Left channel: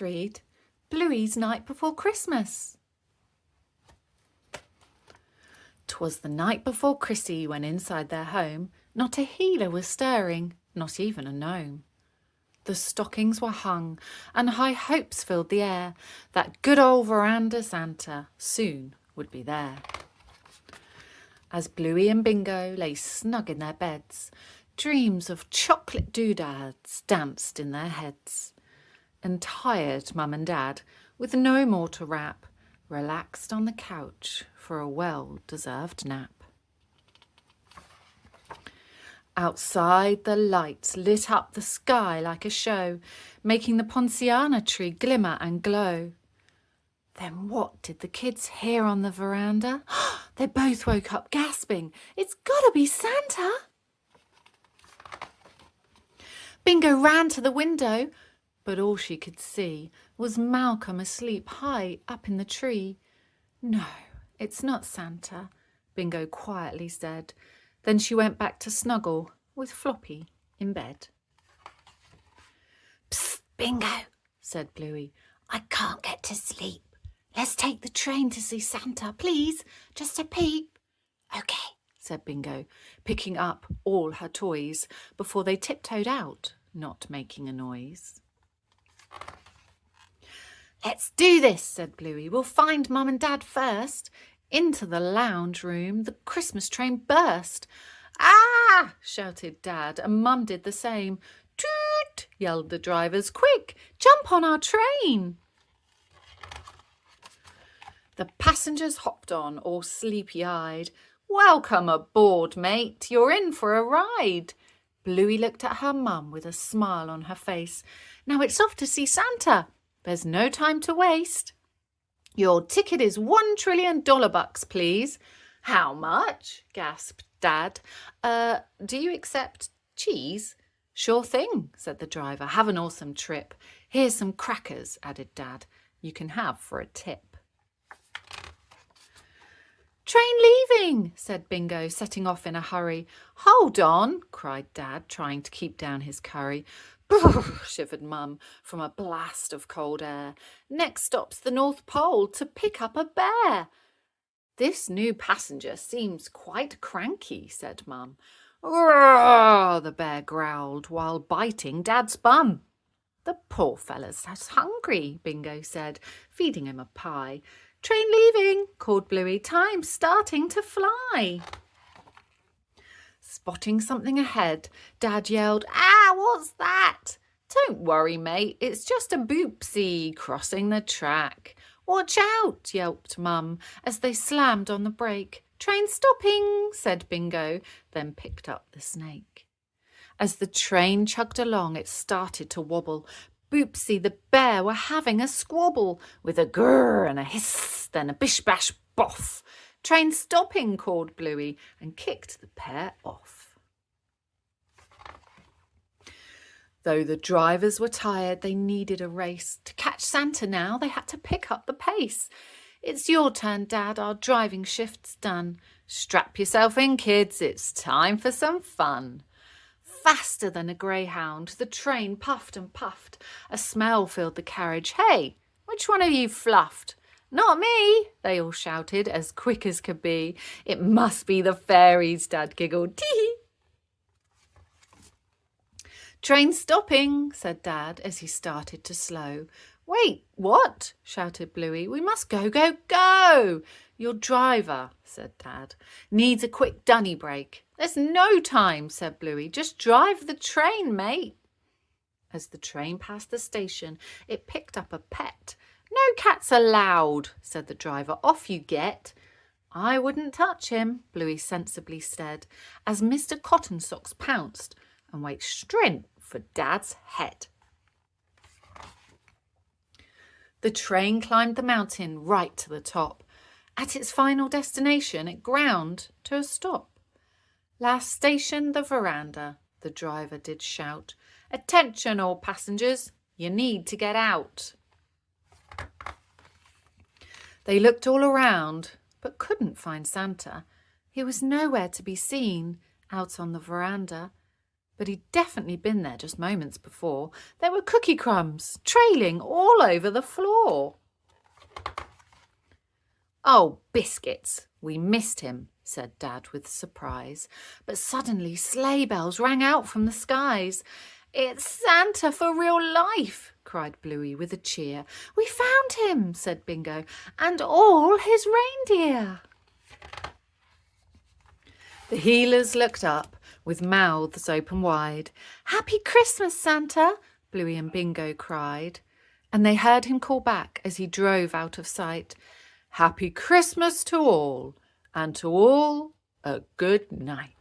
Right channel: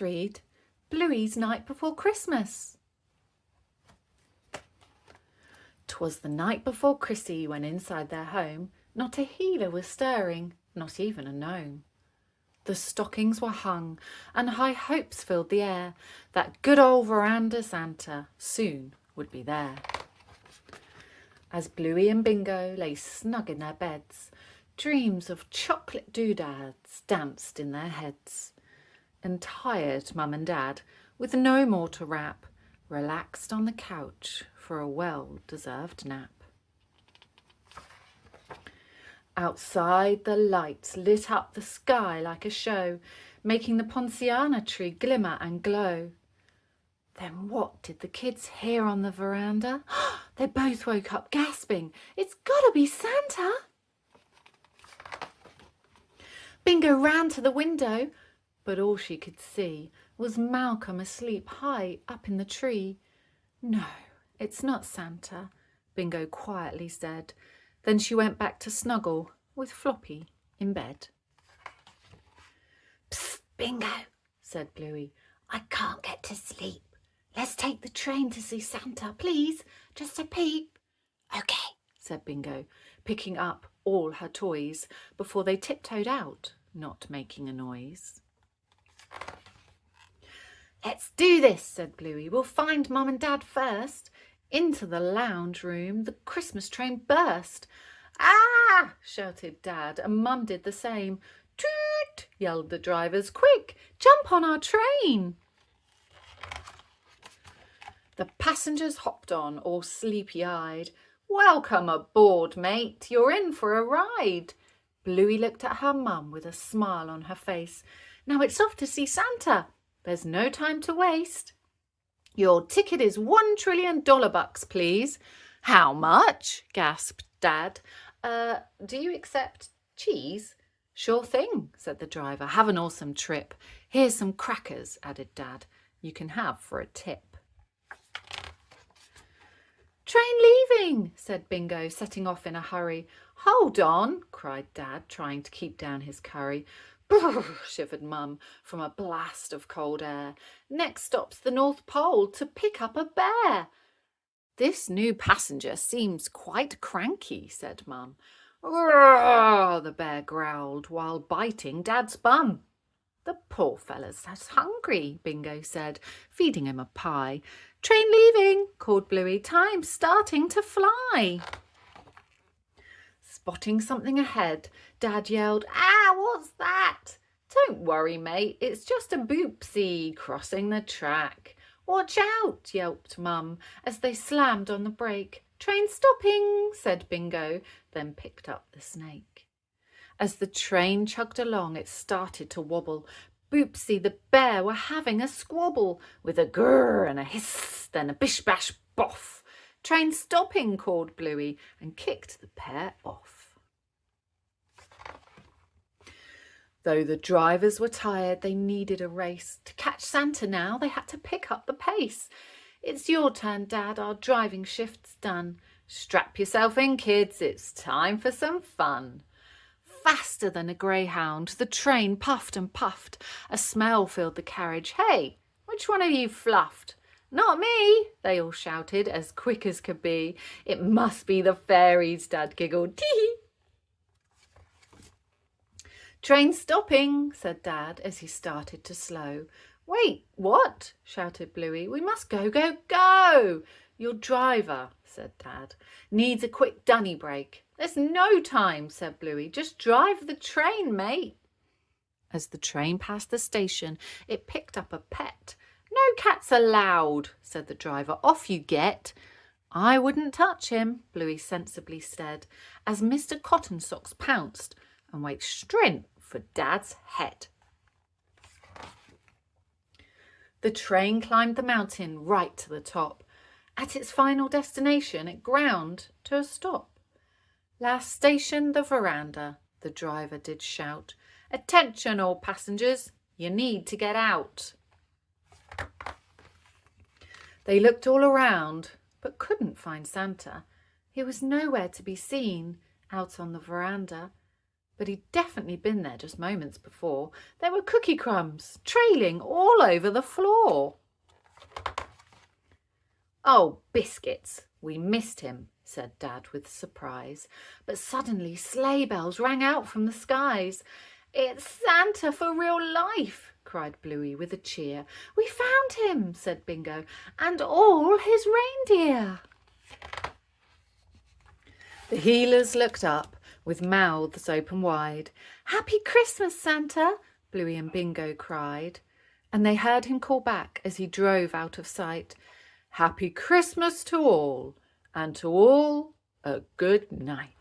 Let's read Bluey's Night Before Christmas. 'Twas the night before Chrissie went inside their home. Not a healer was stirring, not even a gnome. The stockings were hung, and high hopes filled the air that good old veranda Santa soon would be there. As Bluey and Bingo lay snug in their beds, dreams of chocolate doodads danced in their heads. And tired Mum and Dad, with no more to wrap, relaxed on the couch for a well-deserved nap. Outside, the lights lit up the sky like a show, making the ponciana tree glimmer and glow. Then what did the kids hear on the veranda? They both woke up gasping, "It's gotta be Santa!" Bingo ran to the window, but all she could see was Malcolm asleep high up in the tree. "No, it's not Santa," Bingo quietly said. Then she went back to snuggle with Floppy in bed. "Psst, Bingo," said Bluey. "I can't get to sleep. Let's take the train to see Santa, please, just a peep." "Okay," said Bingo, picking up all her toys before they tiptoed out, not making a noise. "Let's do this," said Bluey. "We'll find Mum and Dad first." Into the lounge room the Christmas train burst. "Ah!" shouted Dad, and Mum did the same. "Toot!" yelled the drivers. "Quick, jump on our train!" The passengers hopped on, all sleepy-eyed. "Welcome aboard, mate. You're in for a ride." Bluey looked at her mum with a smile on her face. "Now it's off to see Santa. There's no time to waste." "Your ticket is $1 trillion, please." "How much?" gasped Dad. Do you accept cheese?" "Sure thing," said the driver. "Have an awesome trip. Here's some crackers," added Dad. "You can have for a tip." "Train leaving," said Bingo, setting off in a hurry. "Hold on," cried Dad, trying to keep down his curry. "Brrr," shivered Mum from a blast of cold air. "Next stop's the North Pole to pick up a bear." "This new passenger seems quite cranky," said Mum. "Roar," the bear growled while biting Dad's bum. "The poor fella's hungry," Bingo said, feeding him a pie. "Train leaving," called Bluey. "Time's starting to fly." Spotting something ahead, Dad yelled, "Ah, what's that?" "Don't worry, mate, it's just a boopsie crossing the track." "Watch out," yelped Mum as they slammed on the brake. "Train stopping," said Bingo, then picked up the snake. As the train chugged along, it started to wobble. Boopsie the bear were having a squabble, with a grrr and a hiss, then a bish-bash boff. "Train stopping," called Bluey, and kicked the pair off. Though the drivers were tired, they needed a race. To catch Santa now, they had to pick up the pace. "It's your turn, Dad, our driving shift's done. Strap yourself in, kids, it's time for some fun." Faster than a greyhound, the train puffed and puffed. A smell filled the carriage. "Hey, which one of you fluffed?" "Not me," they all shouted, as quick as could be. "It must be the fairies," Dad giggled. "Tee-hee." "Train stopping," said Dad as he started to slow. "Wait, what?" shouted Bluey. "We must go, go, go." "Your driver," said Dad, "needs a quick dunny break." "There's no time," said Bluey. "Just drive the train, mate." As the train passed the station, it picked up a pet. "No cats allowed," said the driver. "Off you get." "I wouldn't touch him," Bluey sensibly said, as Mr. Cotton Socks pounced and went straight for Dad's head. The train climbed the mountain right to the top. At its final destination, it ground to a stop. "Last station, the veranda," the driver did shout. "Attention, all passengers, you need to get out." They looked all around, but couldn't find Santa. He was nowhere to be seen out on the veranda. but he'd definitely been there just moments before. There were cookie crumbs trailing all over the floor. "Oh, biscuits, we missed him," said Dad with surprise. But suddenly sleigh bells rang out from the skies. "It's Santa for real life," cried Bluey with a cheer. "We found him," said Bingo, "and all his reindeer." The healers looked up with mouths open wide. "Happy Christmas, Santa," Bluey and Bingo cried. And they heard him call back as he drove out of sight, "Happy Christmas to all, and to all a good night."